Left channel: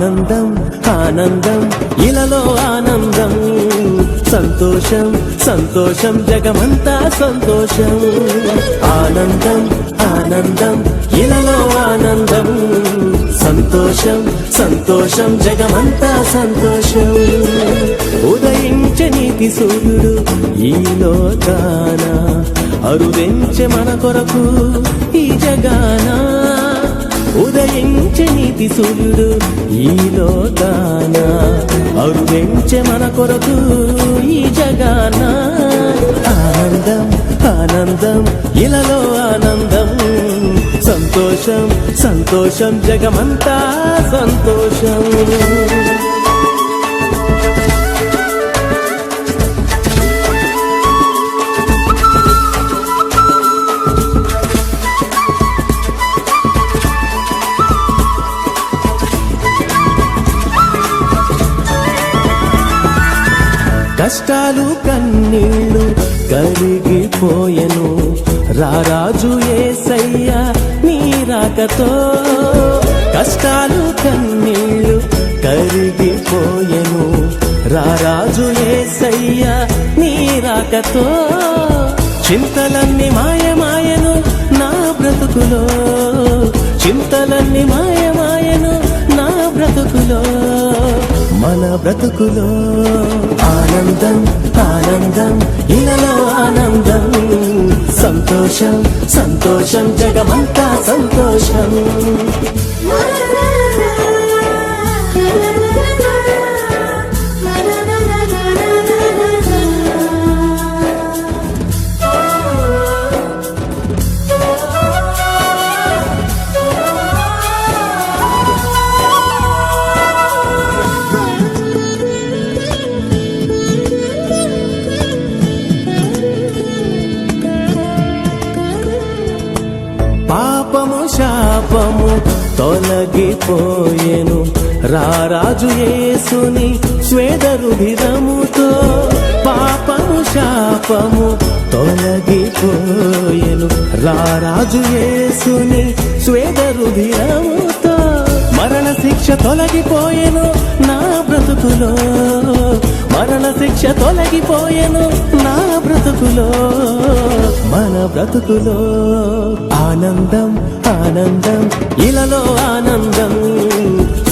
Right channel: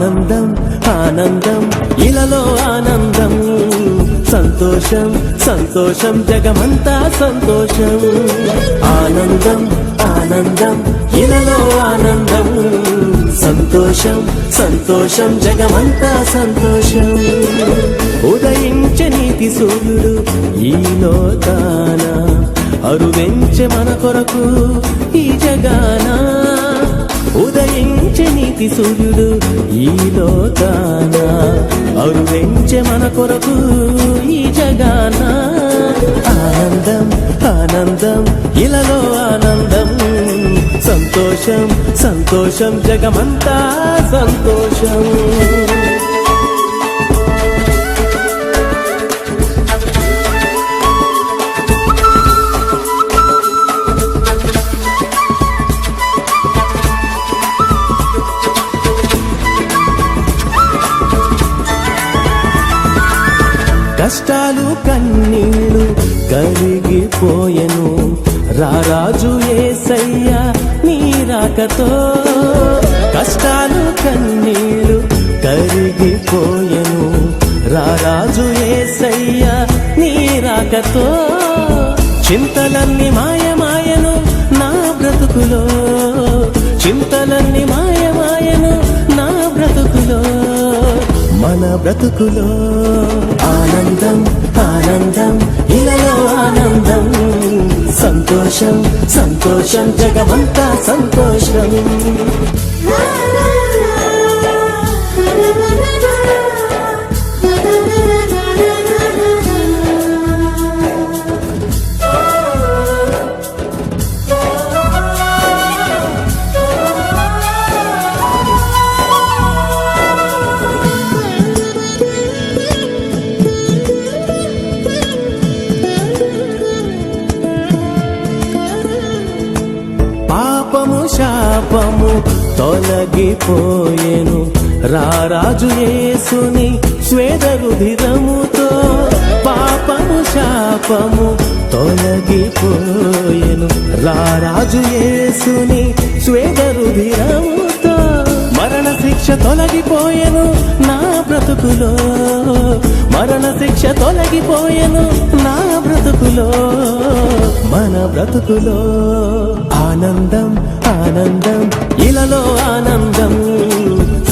ఆనందం ఆనందం ఇలలో ఆనందం సంతోషం సంతోషం జగమంతా సంతోషం ఆనందం ఆనందం ఇలలో ఆనందం సంతోషం సంతోషం జగమంతా సంతోషం ఉదయించే నీతి సూర్యుడు ఈ లోకాన అరుదెంచె మన కొరకు ఈ జగాన ఉదయించే నీతి సూర్యుడు ఈ లోకాన అరుదెంచె మన కొరకు ఈ జగాన ఆనందం ఆనందం ఇలలో ఆనందం సంతోషం సంతోషం జగమంతా సంతోషం కష్టాలు కన్నీళ్ళు కరిగిపోయెను రారాజు యేసయ్య నీ రాకతో కష్టాలు కన్నీళ్ళు కరిగిపోయెను రారాజు యేసయ్య నీ రాకతో చింతలన్నీ మాయమాయను నా బ్రతుకులో చింతలన్నీ మాయమాయను నా బ్రతుకులో మన బ్రతుకులో ఆనందం ఆనందం ఇలలో ఆనందం సంతోషం సంతోషం జగమంతా సంతోషం పాపము శాపము తొలగిపోయెను రారాజు యేసుని స్వేద రుధిరముతో పాపము శాపము తొలగిపోయెను రారాజు యేసుని స్వేద రుధిరముతో మరణ శిక్ష తొలగిపోయెను నా బ్రతుకులో మరణ శిక్ష తొలగిపోయెను నా బ్రతుకులో మన బ్రతుకులో ఆనందం ఆనందం ఇలలో ఆనందం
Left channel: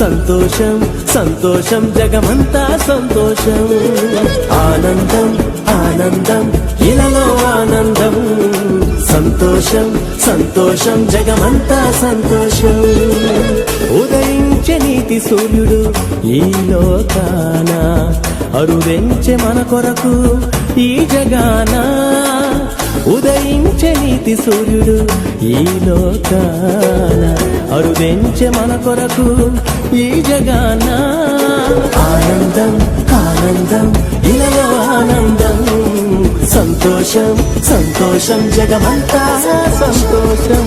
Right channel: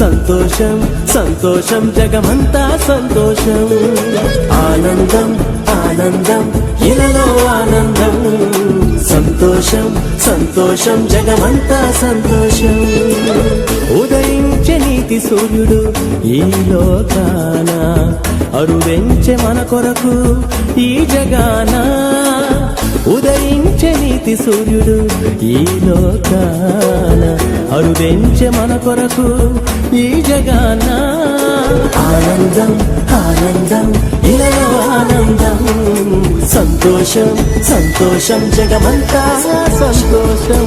సంతోషం సంతోషం జగమంతా సంతోషం ఆనందం ఆనందం ఇలలో ఆనందం సంతోషం సంతోషం జగమంతా సంతోషం ఉదయించే నీతి సూర్యుడు ఈ లోకాన అరుదెంచె మన కొరకు ఈ జగాన ఉదయించే నీతి సూర్యుడు ఈ లోకాన అరుదెంచె మన కొరకు ఈ జగాన ఆనందం ఆనందం ఇలలో ఆనందం సంతోషం సంతోషం జగమంతా సంతోషం